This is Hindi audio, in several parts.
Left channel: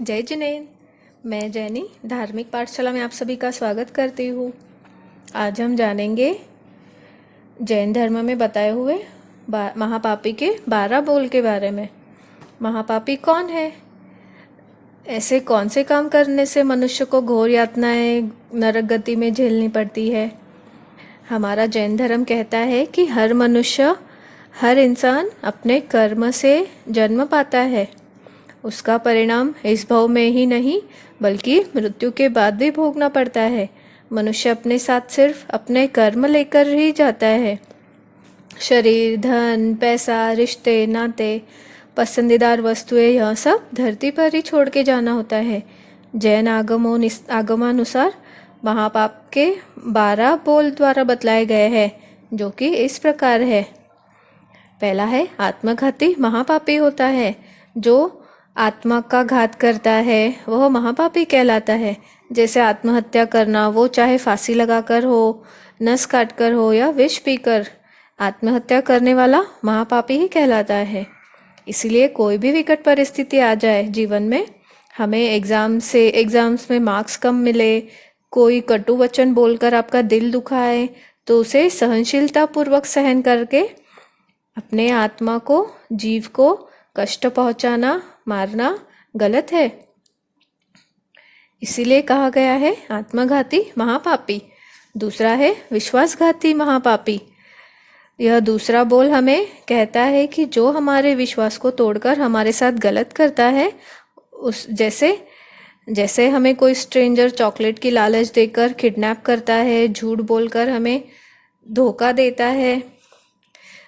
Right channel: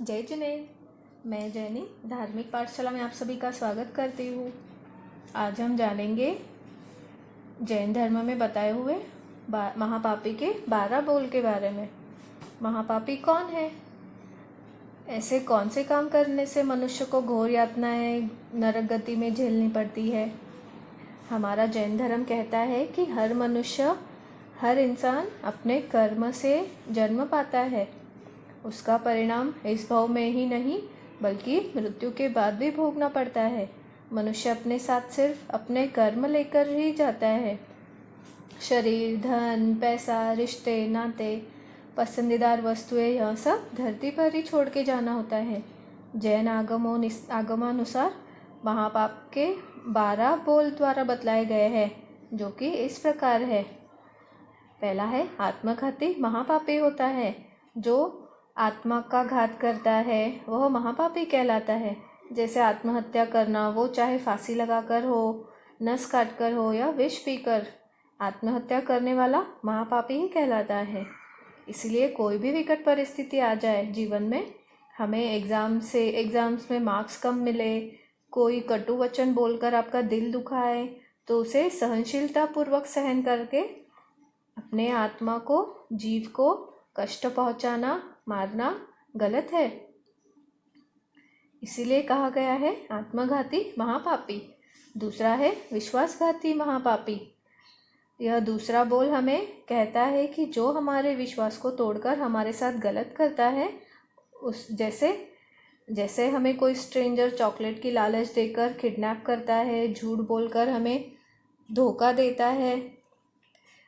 जय जिनेन। मैं जैनी धार्मिक पाठशाला में आप सभी का स्वागत करती हूँ। आज हम जानेंगे जैन धर्म में बताए हुए महापापी के 12 बोल के बारे में। महापापी कौन है? ऐसे कौन से काम करने से मनुष्य को घोर यातनाएं नरक गति में झेलनी पड़ती है? हमारा जैन धर्म कहता है कि हर मनुष्य, हर इंसान अपने कर्म से जन्म पाता है। उसका परिणाम इस भव में ही नहीं बल्कि मृत्यु के बाद भी भोगना पड़ता है। मनुष्य अपने साथ सिर्फ अपने कर्म लेकर ही जाता है। शरीर, धन, पैसा, रिश्ते, नाते, पसंदीदार वस्तुएं, यह सब धरती पर ही छोड़ के जाना होता है। जैन आगमानुसार महापाप के 12 बोल द्वारा बतलाए गए हैं, जो कि इस प्रकार है। पहला है आत्मघाती महापापी होता है। जो आत्मा का घात करता है वह महापापी कहलाता है। जैसे आत्महत्या करना, वो चाहे फांसी लगाकर हो, नस काटकर हो या विष पीकर, आत्महत्या करने वाला महापापी ही कहलाता है। इसीलिए कोई भी विकट परिस्थिति आ जाए जीवन में, हमें एग्जाम्स में मार्क्स कम मिले, कोई कटु वचन बोलकर आपका दिल दुखाए, तो उसे सहनशीलता पूर्वक सहन करके अपने आत्मा को, जीव को कष्ट पहुंचाना, मारना गलत है। इसीलिए कहा गया है आत्मघाती महापापी। दूसरा है विश्वासघाती महापापी। यह दूसरा बोल हमें कहता है कि जो हमारे विश्वास को तोड़कर हमारे साथ गलत करता है, जैसे हमें कोई स्ट्रेंजर चॉकलेट की लालच देकर किडनैप करता है, झूठ बोलकर हमें धोखा देता है,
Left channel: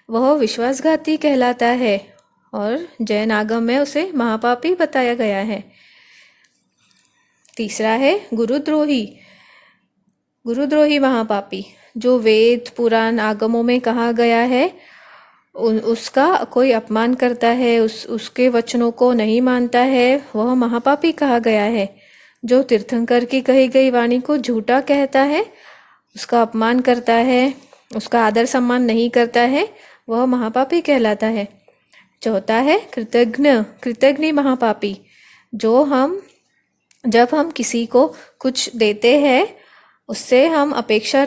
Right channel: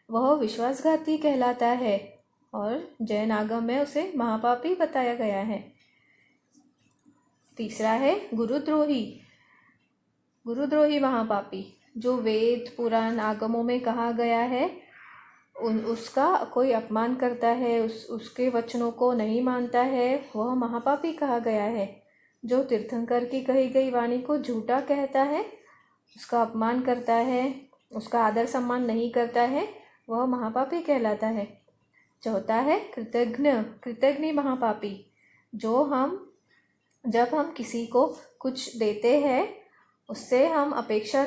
वह विश्वासघाती कहलाता है और जैन आगम में उसे महापापी बताया गया है। तीसरा है गुरुद्रोही महापापी। जो वेद, पुराण, आगमों में कहा गया है उसका कोई अपमान करता है, उसके वचनों को नहीं मानता है, वह महापापी कहा गया है। जो तीर्थंकर की कही गई वाणी को झूठा कहता है, उसका अपमान करता है, उसका आदर सम्मान नहीं करता है, वह महापापी कहलाता है। चौथा है कृतघ्न महापापी। जब हम किसी को कुछ देते हैं, उससे हम अपेक्षा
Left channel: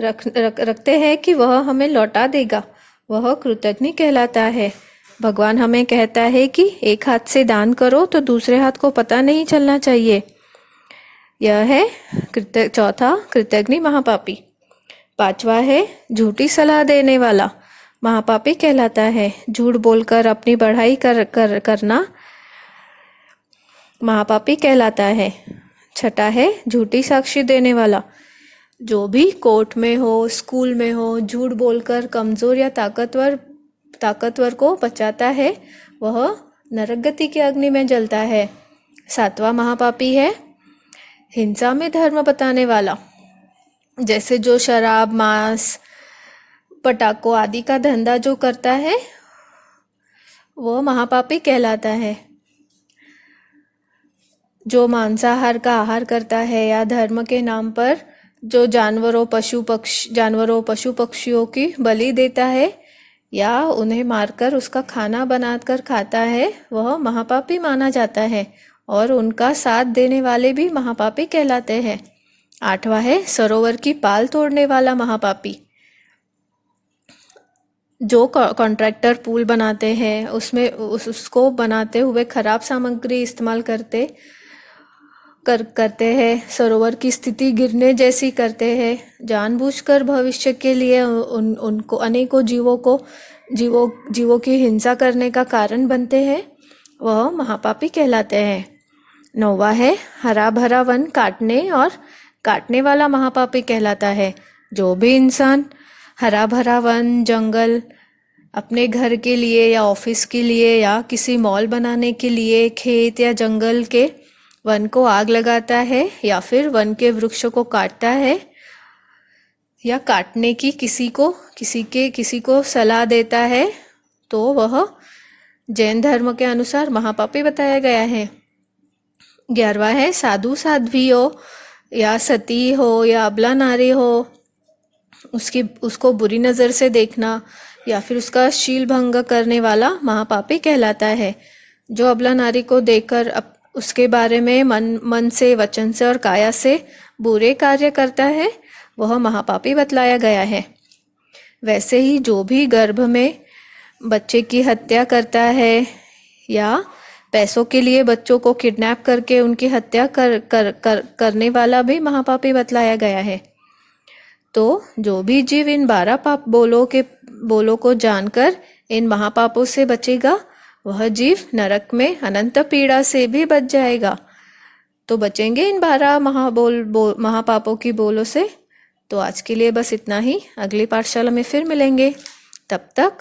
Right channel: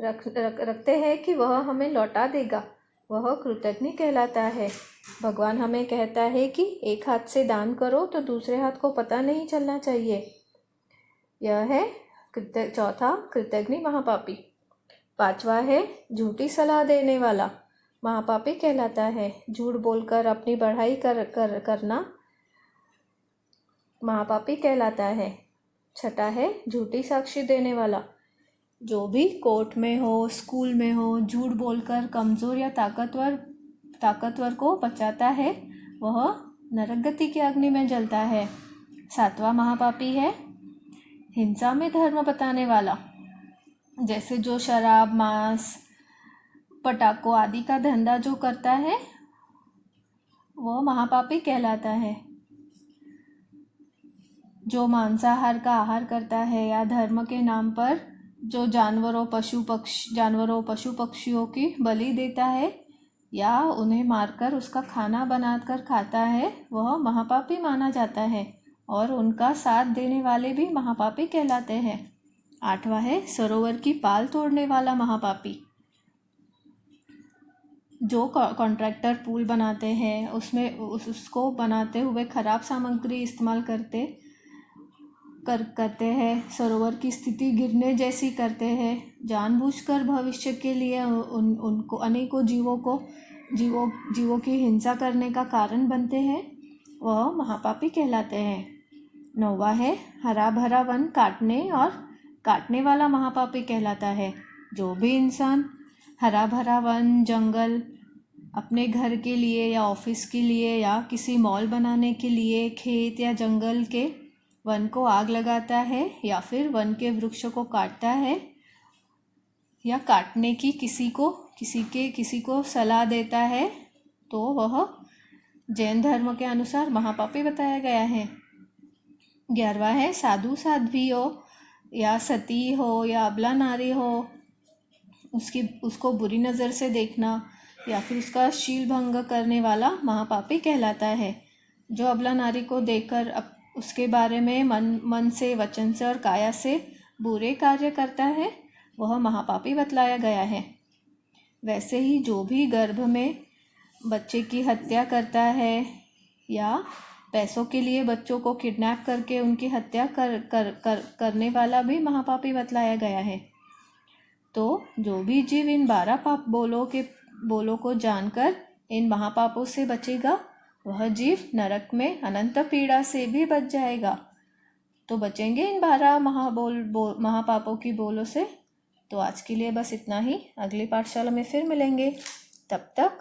रखते हैं कि वह हमें लौटा देगा, वह कृतघ्न कहलाता है। भगवान हमें कहता है कि एक हाथ से दान करो तो दूसरे हाथ को पता नहीं चलना चाहिए। यह है चौथा कृतघ्न महापापी। पांचवा है झूठी सलाह देने वाला महापापी कहलाता है। झूठ बोलकर अपनी बढ़ाई करना महापापी कहलाता है। छठा है झूठी साक्षी देने वाला। जो भी कोर्ट में हो, स्कूल में हो, झूठ बोलकर कमजोर या ताकतवर को बचाता है, वह नरक गति की अग्नि में जलता है। सातवां महापापी है हिंसा में धर्म बताने वाला। जैसे जो शराब, मांस, पटाखों आदि का धंधा जो करता है, वो महापापी कहलाता है। जो मांसाहार का आहार करता है या धर्म के नाम पर जो जानवरों, पशु पक्षियों की बलि देता है या उन्हें मारकर उसका खाना बनाकर खाता है, वह महापापी माना जाता है और उनका साथ देने वाले भी महापापी कहलाते हैं। आठवां है सरोवर की पाल तोड़ने वाला महापापी। जो कॉन्ट्रैक्टर पुल बनाते हैं, उसमें उसको बनाते हुए खराब सामग्री इस्तेमाल करते हैं, सरोवर की स्थिति गिरने जैसी करते हैं, जानबूझकर भविष्य के लिए उनको अनेकों जीवों की हिंसा करने का कारण बनते हैं, वह महापापी कहलाते हैं। नौवा है हरा भरा वन काटने वाला महापापी कहलाता है। जो भी इंसान हरा भरा वन, जंगल अपने घर के लिए या ऑफिस के लिए या किसी मॉल बनाने के लिए खेत या जंगल के वन को आग लगाता है या फिर वन के वृक्ष को काटता है या काटने की किसी को सलाह देता है, तो वह जैन धर्म के अनुसार महापापी बताया गया है। 11वां है साधु साध्वी हो या सती हो या अबला नारी हो, उसको बुरी नज़र से देखना या फिर उसका शील भंग करने वाला महापापी कहलाता है। 12वां है जो अबला नारी को देखकर उसके बारे में मन से, वचन से और काया से बुरे कार्य करता है वह महापापी बतलाया गया है। वैसे ही जो भी गर्भ में बच्चे की हत्या करता है या पैसों के लिए बच्चों को किडनैप करके उनकी हत्या करने वाला भी महापापी बतलाया गया है। तो जो भी जीव इन 12 पाप बोलों को जानकर इन महापापों से बचेगा वह जीव नरक में अनंत पीड़ा से भी बच जाएगा। तो बचेंगे इन 12 महापापों की बोलों से। तो आज के लिए बस इतना ही। अगली पाठशाला में फिर मिलेंगे। तब तक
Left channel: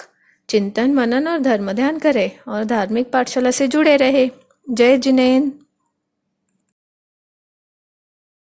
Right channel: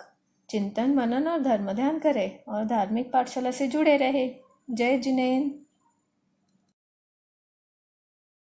चिंतन, मनन और धर्म ध्यान करें और धार्मिक पाठशाला से जुड़े रहे। जय जिनेंद्र।